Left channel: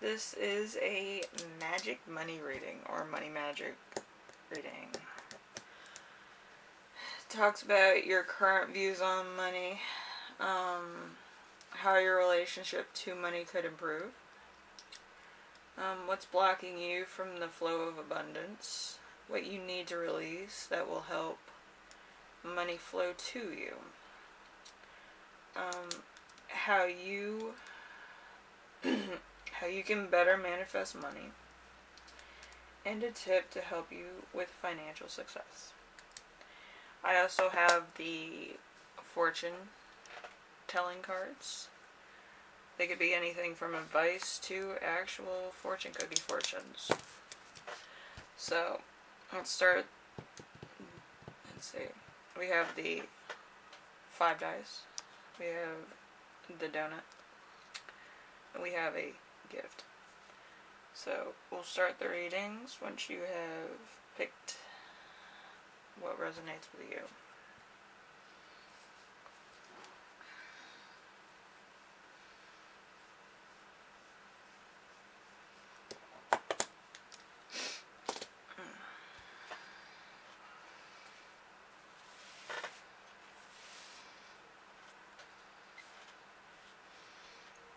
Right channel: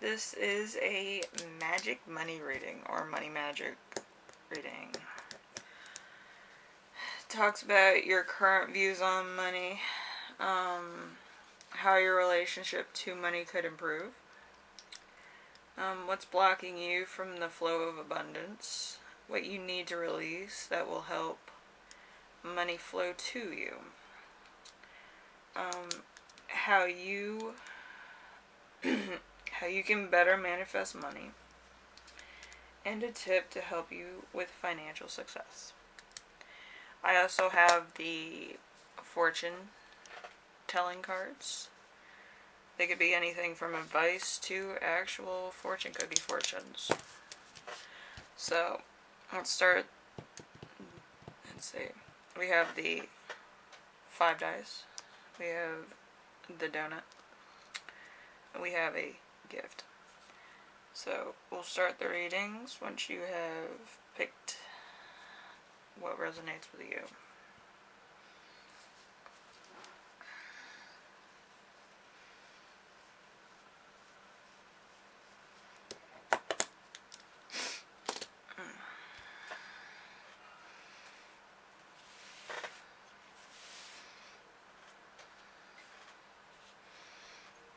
This is a magic money reading, or money magic reading. It talks about your current views on money, how your relationship to money could improve, what's blocking you from the flow of abundance, what you need to release that will help money flow to you, how you can better manifest money, and a tip to help you with financial success. I also have the fortune telling cards. They could be anything from advice to actual fortune cookie fortunes. So, let's start. Let's see. We have the 5 dice. We have the donut. And we have a gift. So, we'll start the readings once you have picked what resonates with you.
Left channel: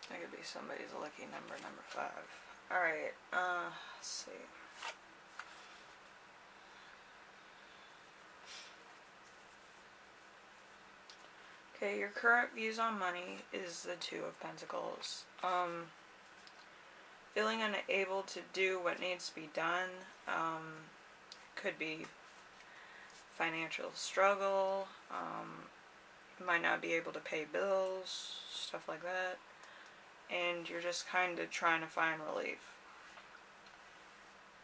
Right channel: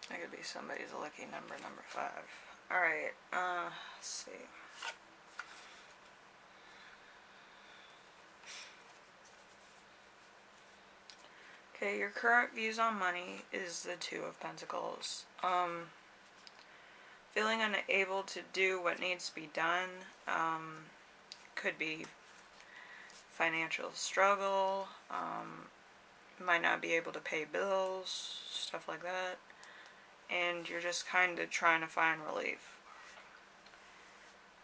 That could be somebody's lucky number, number 5. Alright, let's see. Okay, your current views on money is the 2 of Pentacles. Feeling unable to do what needs to be done. Could be financial struggle. Might not be able to pay bills, stuff like that. And you're just kind of trying to find relief.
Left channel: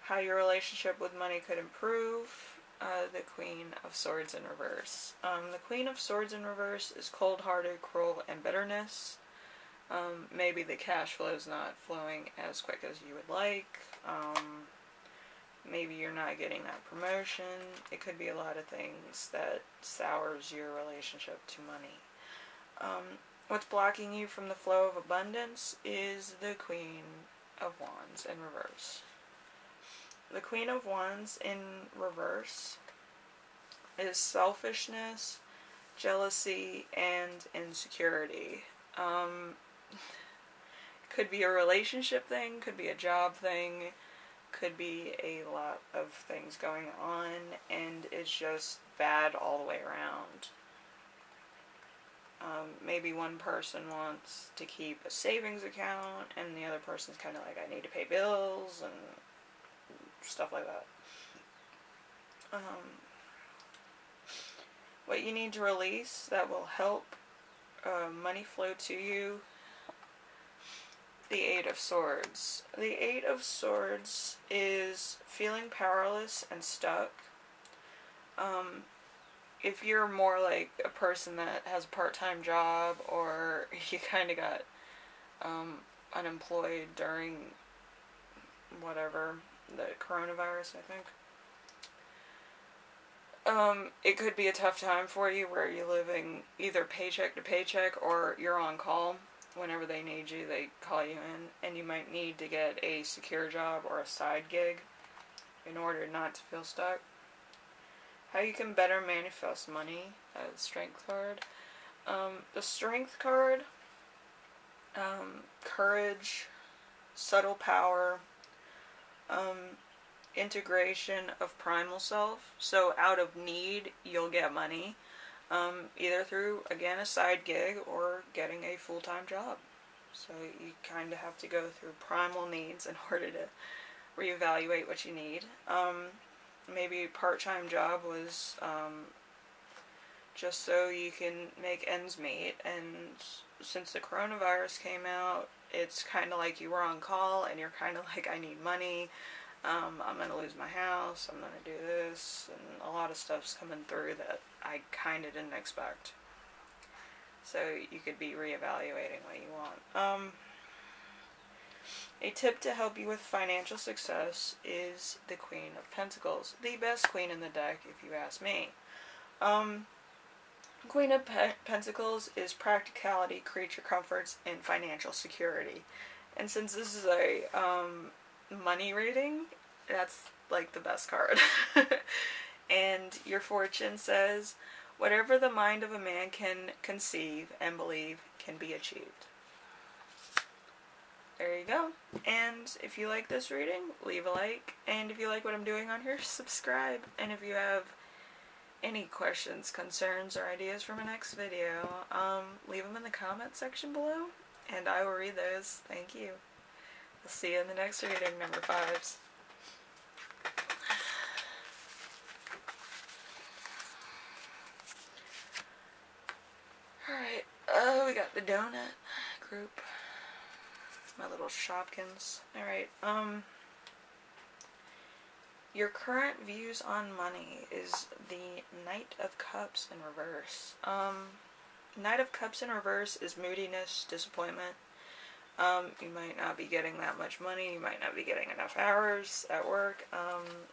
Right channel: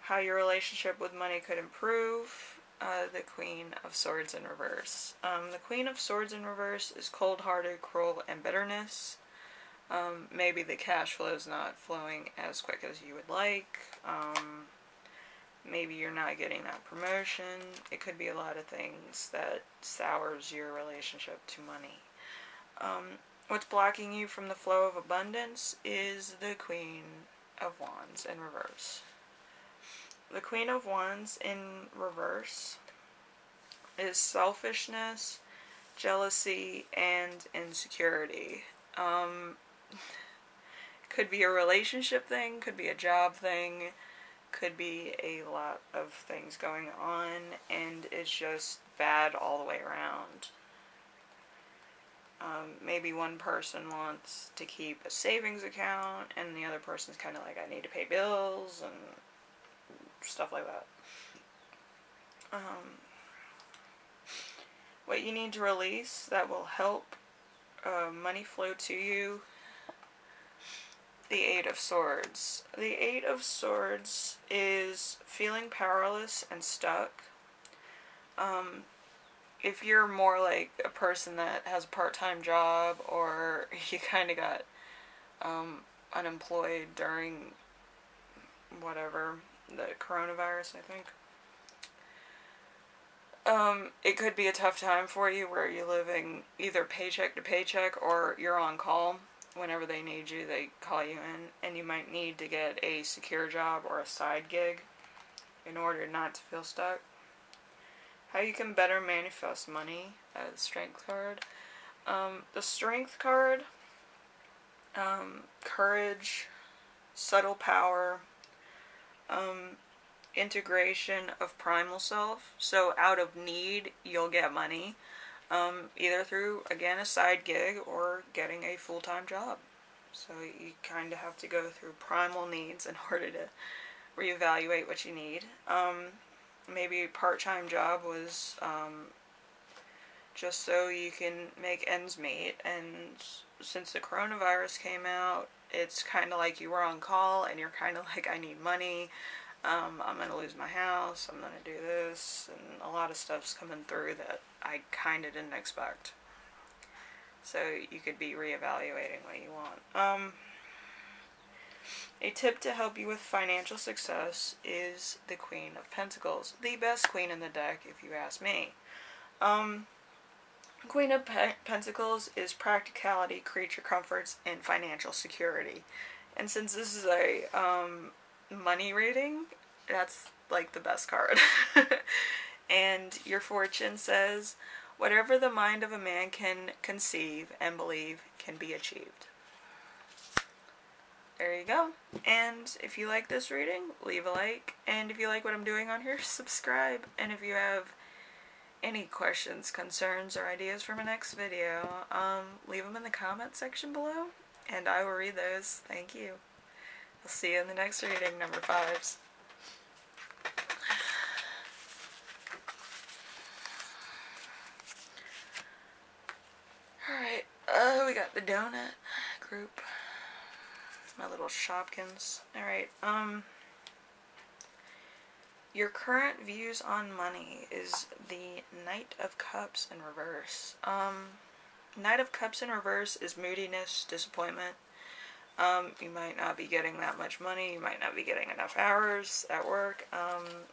How your relationship with money could improve. The Queen of Swords in reverse. The Queen of Swords in reverse is cold-hearted, cruel, and bitterness. Maybe the cash flow is not flowing as quick as you would like. Maybe you're not getting that promotion. It could be a lot of things that sours your relationship to money. What's blocking you from the flow of abundance is the Queen of Wands in reverse. The Queen of Wands in reverse is selfishness, jealousy, and insecurity. Could be a relationship thing, could be a job thing, could be a lot of things going on, and it's just bad all the way around. Maybe one person wants to keep a savings account, and the other person's kind of like, I need to pay bills, and stuff like that. What you need to release that will help money flow to you. The 8 of Swords. The 8 of Swords is feeling powerless and stuck. If you're more like a person that has a part-time job, or you kind of got unemployed during whatever, the coronavirus, I think. It could be a tough time for you where you're living either paycheck to paycheck, or you're on call. Whenever they need you, they call you in, and you might need to get a secure job or a side gig in order not to feel stuck. How you can better manifest money, the Strength card. The Strength card, courage, subtle power, integration of primal self. So out of need, you'll get money. Either through, again, a side gig or getting a full-time job. So you kind of have to go through primal needs in order to reevaluate what you need. Maybe a part-time job was just so you can make ends meet, and since the coronavirus came out, it's kind of like you were on call and you're kind of like, I need money, I'm going to lose my house, I'm going to do this, and a lot of stuff's coming through that I kind of didn't expect. So you could be reevaluating what you want. A tip to help you with financial success is the Queen of Pentacles. The best queen in the deck, if you ask me. Queen of Pentacles is practicality, creature comforts, and financial security. And since this is a money reading, that's like the best card. And your fortune says, whatever the mind of a man can conceive and believe can be achieved. There you go. And if you like this reading, leave a like. And if you like what I'm doing on here, subscribe. And if you have any questions, concerns, or ideas for my next video, leave them in the comment section below, and I will read those. Thank you. I'll see you in the next reading, number 5s. Alright, we got the donut group. My little Shopkins. Alright, your current views on money is the Knight of Cups in reverse. Knight of Cups in reverse is moodiness, disappointment. You might not be getting that much money. You might not be getting enough hours at work.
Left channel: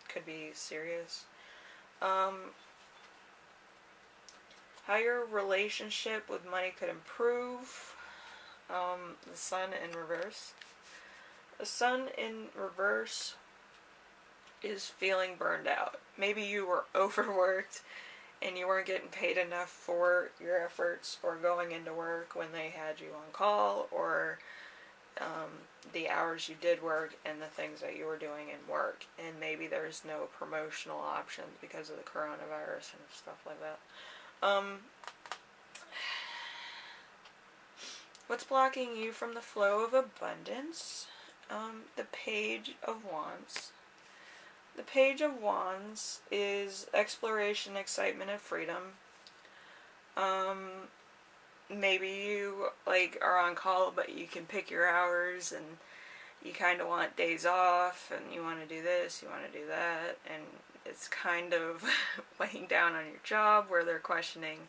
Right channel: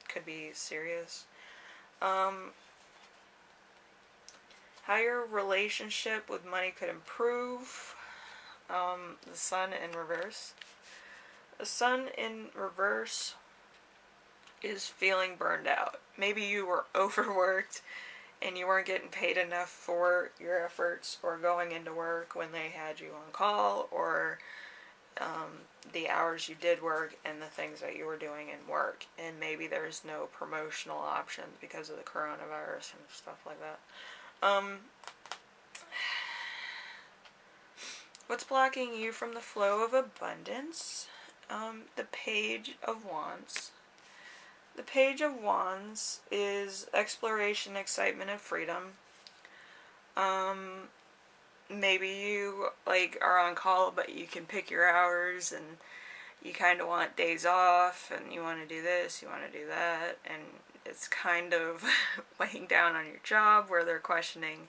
Could be serious. How your relationship with money could improve. The Sun in reverse. The Sun in reverse is feeling burned out. Maybe you were overworked and you weren't getting paid enough for your efforts, or going into work when they had you on call, or the hours you did work and the things that you were doing in work. And maybe there's no promotional options because of the coronavirus and stuff like that. What's blocking you from the flow of abundance? The Page of Wands. The Page of Wands is exploration, excitement, and freedom. Maybe you are on call, but you can pick your hours, and you kind of want days off, and you want to do this, you want to do that, and it's kind of weighing down on your job, where they're questioning,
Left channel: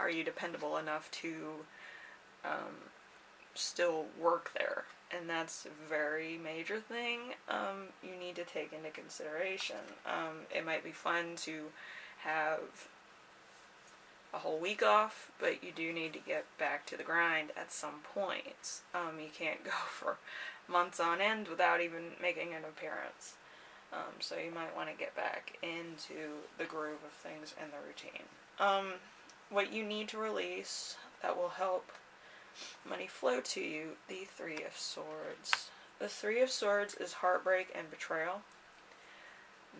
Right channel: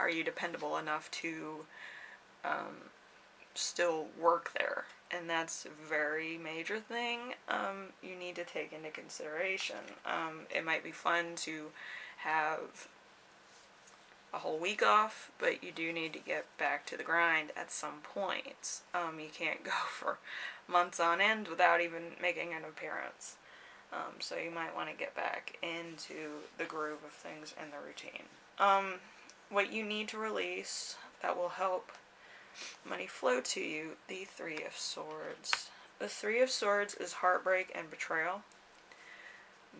are you dependable enough to still work there? And that's a very major thing you need to take into consideration. It might be fun to have a whole week off, but you do need to get back to the grind at some point. You can't go for months on end without even making an appearance. So you might want to get back into the groove of things and the routine. What you need to release that will help money flow to you, the Three of Swords. The Three of Swords is heartbreak and betrayal.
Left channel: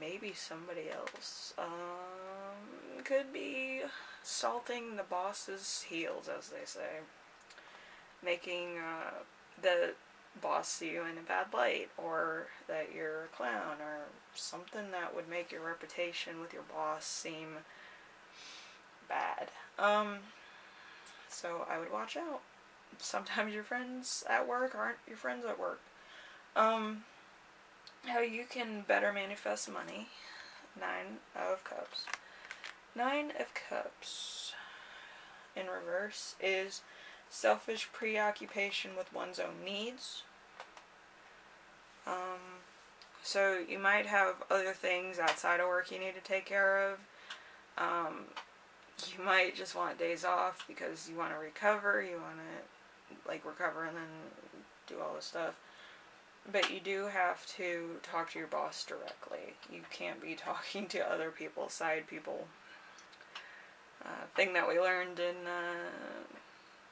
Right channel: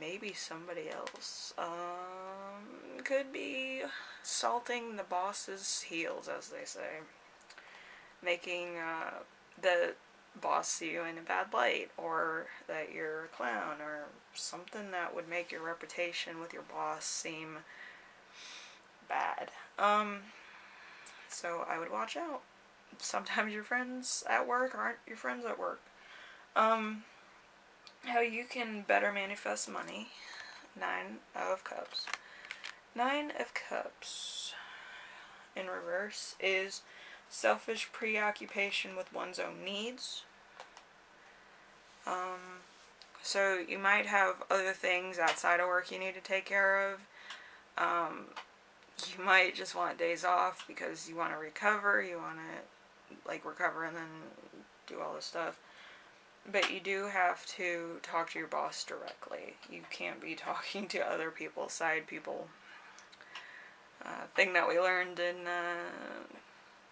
Maybe somebody else. Could be salting the boss's heels, as they say. Making the boss see you in a bad light, or that you're a clown, or something that would make your reputation with your boss seem bad. So I would watch out. Sometimes your friends at work aren't your friends at work. How you can better manifest money. 9 of Cups. 9 of Cups in reverse is selfish preoccupation with one's own needs. So you might have other things outside of work you need to take care of. You might just want days off because you want to recover. You want to recover and then do all this stuff. But you do have to talk to your boss directly. You can't be talking to other people, side people. Thing that we learned in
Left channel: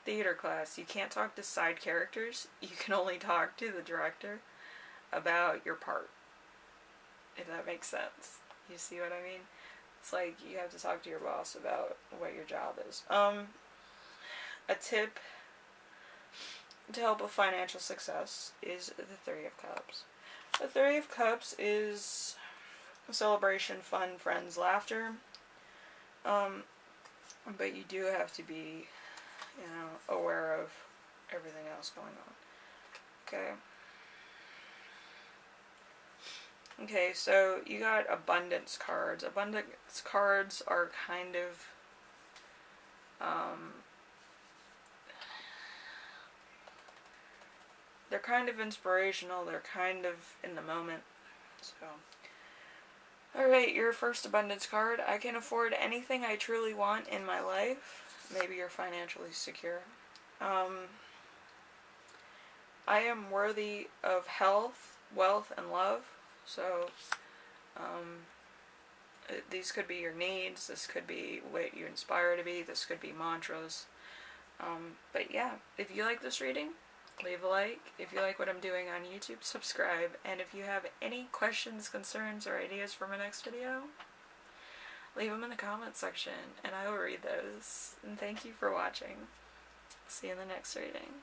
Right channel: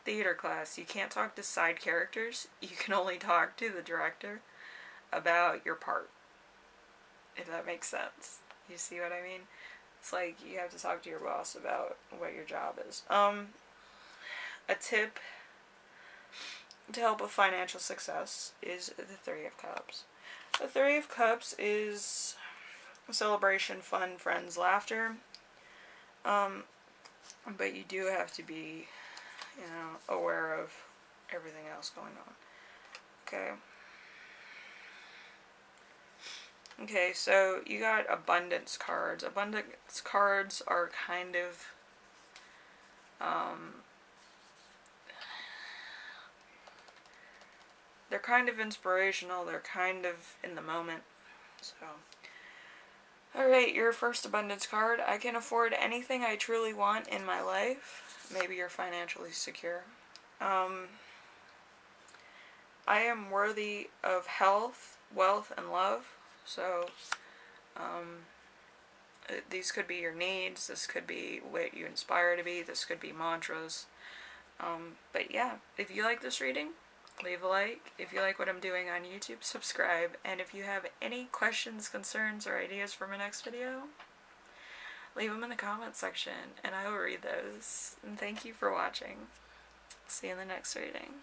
theater class. You can't talk to side characters. You can only talk to the director about your part. If that makes sense. You see what I mean? It's like you have to talk to your boss about what your job is. A tip to help with financial success is the Three of Cups. The Three of Cups is a celebration, fun, friends, laughter. But you do have to be, aware of everything else going on. Okay. Okay, so you got abundance cards. Abundance cards are kind of they're kind of inspirational. They're kind of in the moment. So, alright, your first abundance card. I can afford anything I truly want in my life. Maybe you're financially secure. I am worthy of health, wealth, and love. So, these could be your needs. This could be what you inspire to be. This could be mantras. But yeah, if you like this reading, leave a like. If you like what I'm doing on YouTube, subscribe. And if you have any questions, concerns, or ideas for my next video, leave them in the comments section, and I will read those. And thank you for watching. See you in the next reading.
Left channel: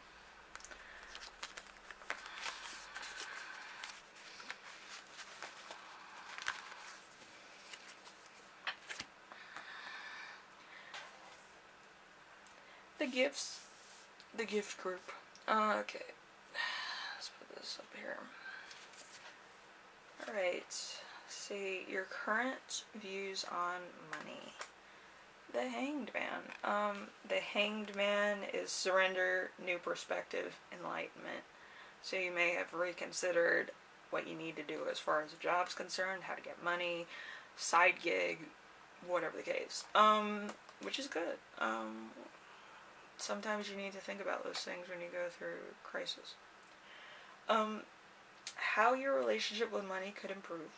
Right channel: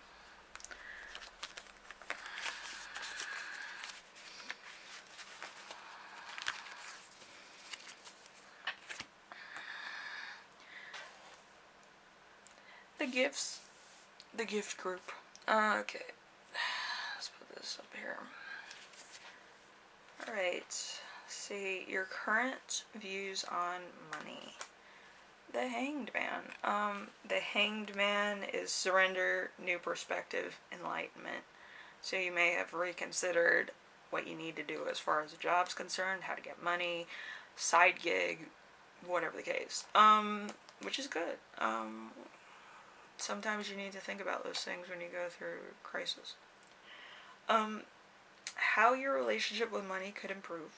The gift group. Okay, let's put this up here. Alright, see your current views on money. The Hanged Man. The Hanged Man is surrender, new perspective, enlightenment. So you may have reconsidered what you need to do as far as the job's concerned, how to get money, side gig, whatever the case. Which is good. Sometimes you need to think about those things when you go through a crisis. How your relationship with money could improve,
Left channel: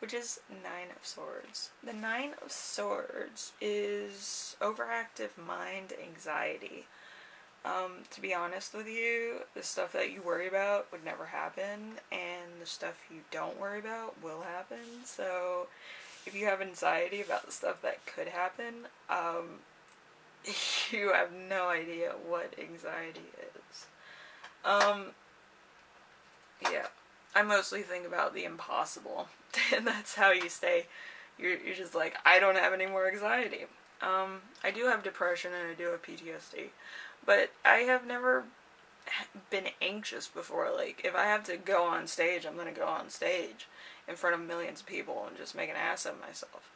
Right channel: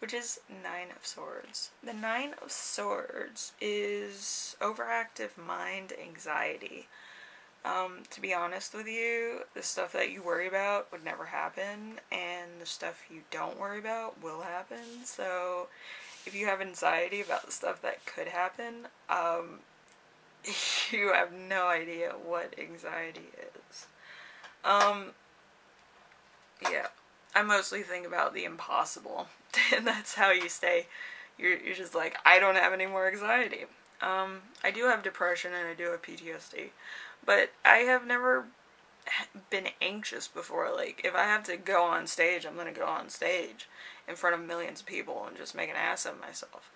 which is Nine of Swords. The Nine of Swords is overactive mind anxiety. To be honest with you, the stuff that you worry about would never happen, and the stuff you don't worry about will happen. So if you have anxiety about the stuff that could happen, you have no idea what anxiety is. Yeah, I mostly think about the impossible, and that's how you stay. You're just like, I don't have any more anxiety. I do have depression and I do have PTSD, but I have never been anxious before. Like, if I have to go on stage, I'm gonna go on stage in front of millions of people and just make an ass of myself.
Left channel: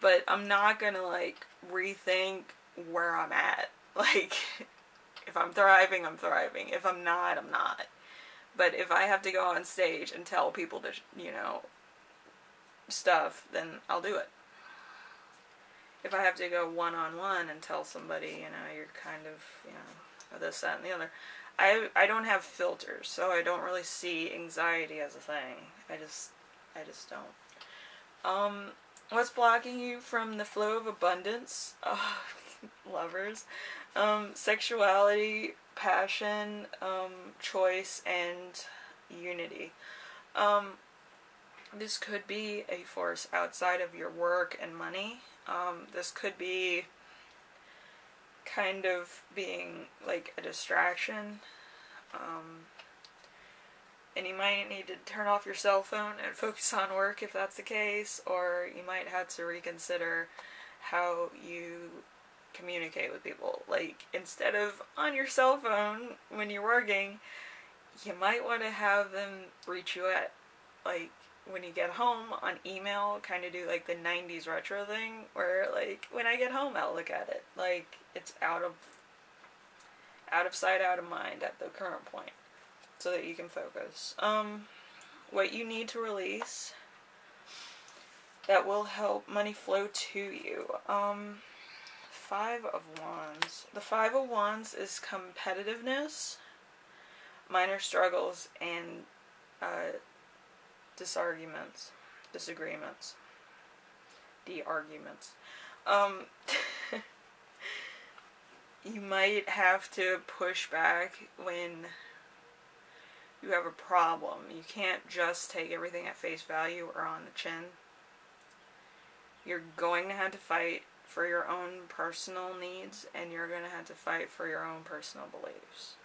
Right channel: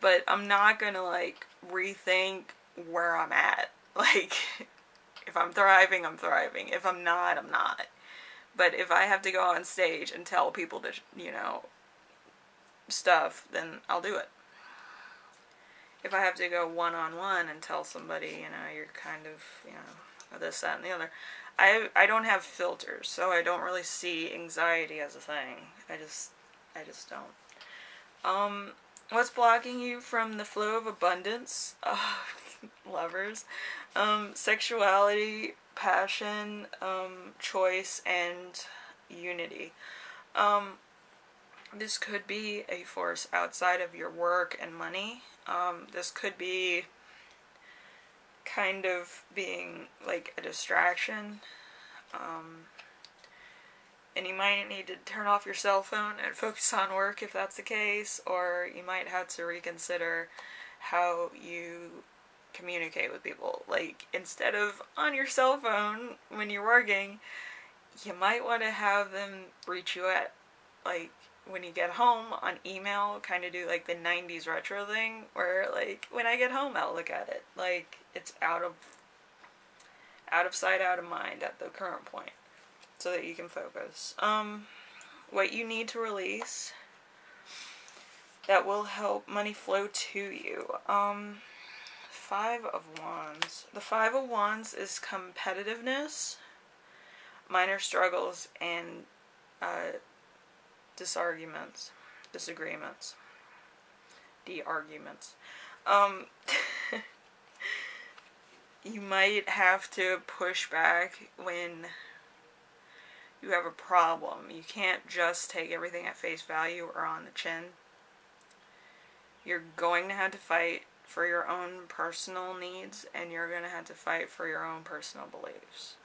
But I'm not gonna, like, rethink where I'm at. Like, if I'm thriving, I'm thriving. If I'm not, I'm not. But if I have to go on stage and tell people to, you know, stuff, then I'll do it. If I have to go one-on-one and tell somebody, you know, you're kind of, you know, this, that, and the other, I don't have filters, so I don't really see anxiety as a thing. I just don't. What's blocking you from the flow of abundance? Lovers. Sexuality, passion, choice, and unity. This could be a force outside of your work and money. This could be kind of being like a distraction. And you might need to turn off your cell phone and focus on work if that's the case, or you might have to reconsider how you communicate with people. Like, instead of on your cell phone when you're working, you might want to have them reach you at, like, when you get home on email, kind of do like the 90s retro thing, where, like, when I get home I'll look at it. Like, it's out of sight, out of mind at the current point, so that you can focus. What you need to release that will help money flow to you. Five of Wands. The Five of Wands is competitiveness, minor struggles, and disagreements. You might have to push back when you have a problem. You can't just take everything at face value or on the chin. You're going to have to fight for your own personal needs, and you're going to have to fight for your own personal beliefs.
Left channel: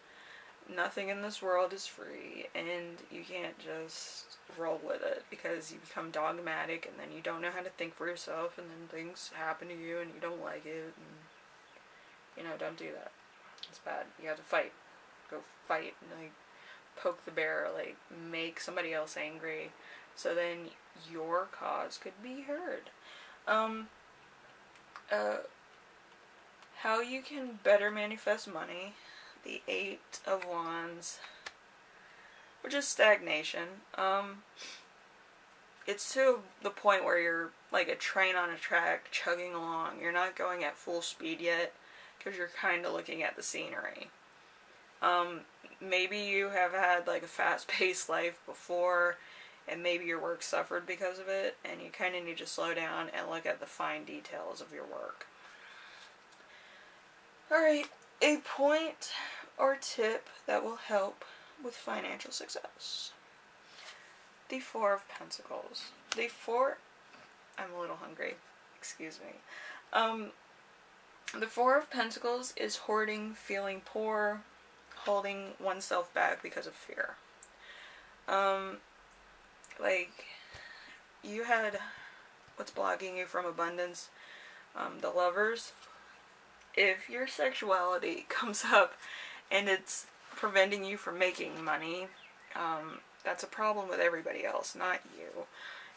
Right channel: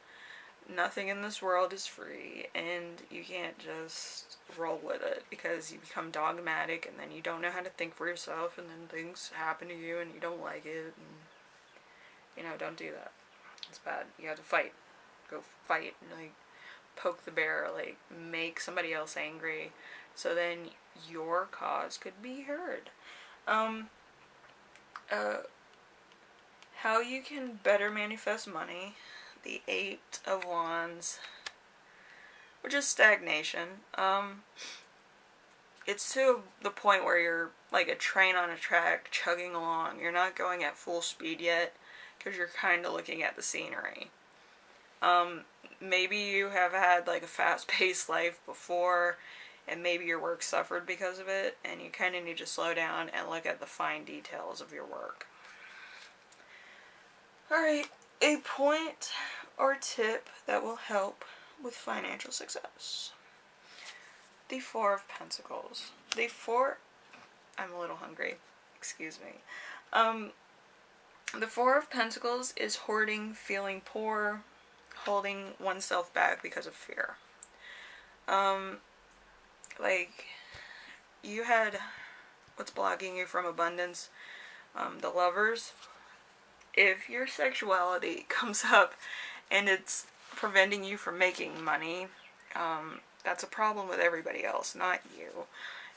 Nothing in this world is free, and you can't just roll with it, because you become dogmatic, and then you don't know how to think for yourself, and then things happen to you, and you don't like it, and, you know, don't do that. It's bad. You have to fight. Go fight, and, like, poke the bear, like, make somebody else angry, so then your cause could be heard. How you can better manifest money. The Eight of Wands, which is stagnation. It's to the point where you're like a train on a track chugging along. You're not going at full speed yet, because you're kind of looking at the scenery. Maybe you have had like a fast-paced life before, and maybe your work suffered because of it, and you kind of need to slow down and look at the fine details of your work. Alright, a point or tip that will help with financial success. The Four of Pentacles. I'm a little hungry, excuse me. The Four of Pentacles is hoarding, feeling poor, holding oneself back because of fear. Like, you had what's blocking you from abundance, the Lovers. If your sexuality comes up and it's preventing you from making money, that's a problem with everybody else, not you.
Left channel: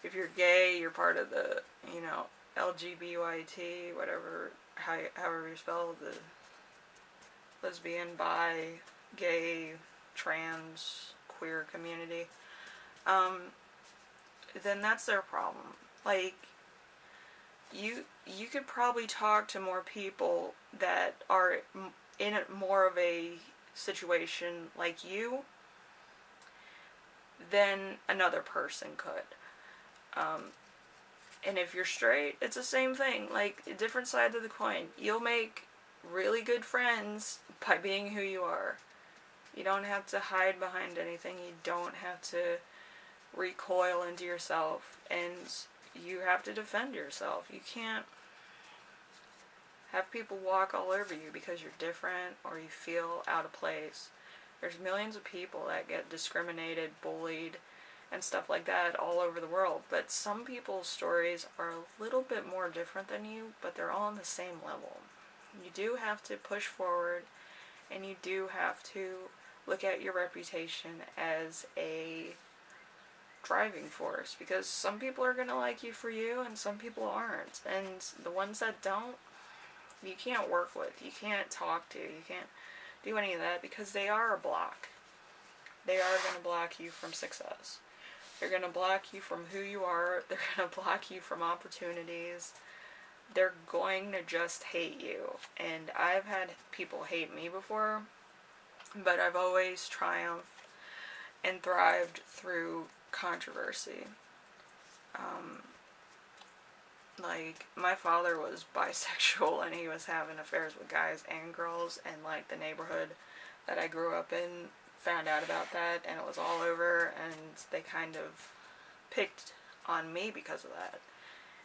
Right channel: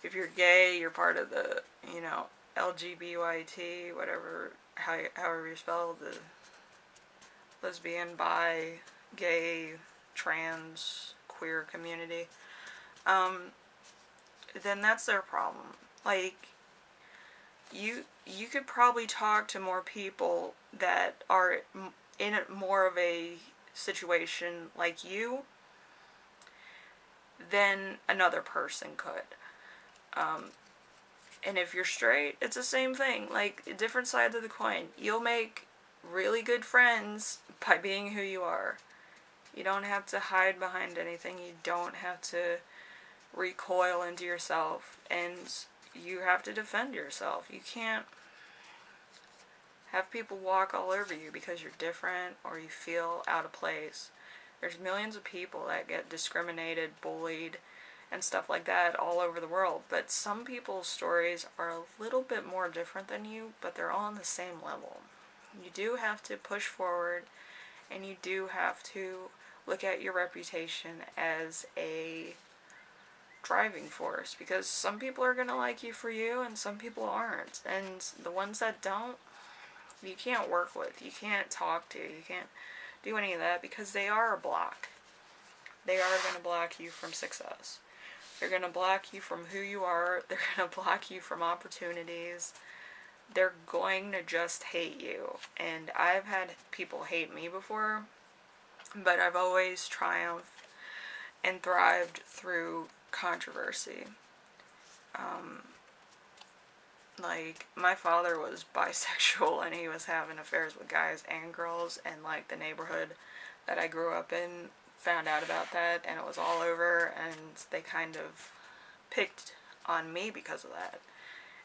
If you're gay, you're part of the, you know, LGBT, whatever, however you spell the lesbian, bi, gay, trans, queer community, then that's their problem. Like, you could probably talk to more people that are in more of a situation like you than another person could. And if you're straight, it's the same thing. Like, different sides of the coin. You'll make really good friends by being who you are. You don't have to hide behind anything. You don't have to recoil into yourself. And you have to defend yourself. You can't have people walk all over you because you're different or you feel out of place. There's millions of people that get discriminated, bullied, and stuff like that all over the world. But some people's stories are a little bit more different than you, but they're all on the same level. You do have to push forward, and you do have to look at your reputation as a driving force, because some people are going to like you for you, and some people aren't. And the ones that don't, you can't work with, you can't talk to, you can't do any of that, because they are a block. They are going to block you from success. They're going to block you from who you are. They're going to block you from opportunities. They're going to just hate you. And I've had people hate me before, but I've always triumphed and thrived through controversy. Like, my father was bisexual, and he was having affairs with guys and girls, and like the neighborhood that I grew up in found out about that, and it was all over, and they kind of picked on me because of that.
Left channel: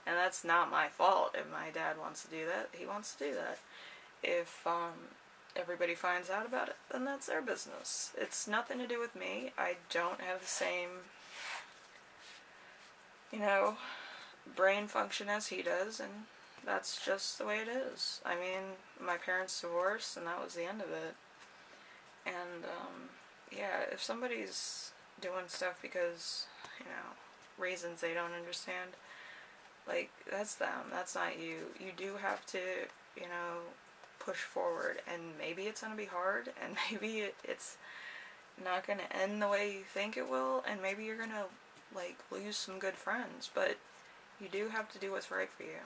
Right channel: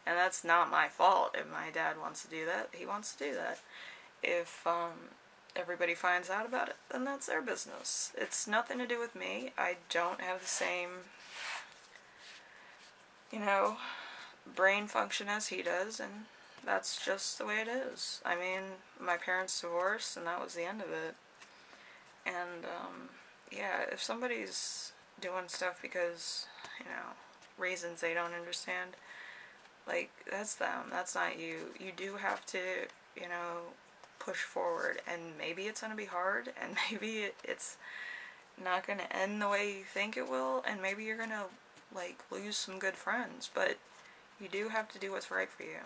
And that's not my fault. If my dad wants to do that, he wants to do that. If everybody finds out about it, then that's their business. It's nothing to do with me. I don't have the same, you know, brain function as he does, and that's just the way it is. I mean, my parents divorced, and that was the end of it. And, yeah, if somebody's doing stuff because, you know, reasons they don't understand, like, that's them. That's not you. You do have to, you know, push forward, and maybe it's going to be hard, and maybe it's not going to end the way you think it will, and maybe you're going to, like, lose some good friends, but you do have to do what's right for you.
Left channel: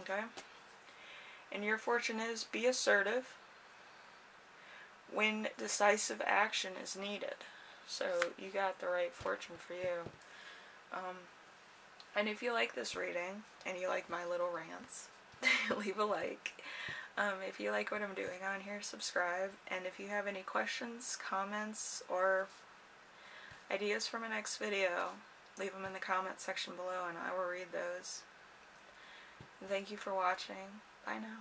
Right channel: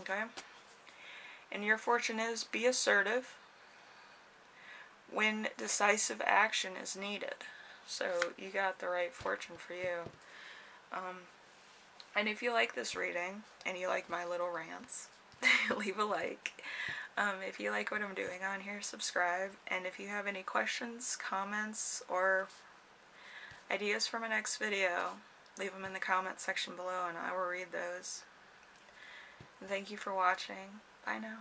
Okay? And your fortune is, be assertive when decisive action is needed. So you got the right fortune for you. And if you like this reading, and you like my little rants, leave a like. If you like what I'm doing on here, subscribe. And if you have any questions, comments, or ideas for my next video, leave them in the comment section below, and I will read those. Thank you for watching. Bye now.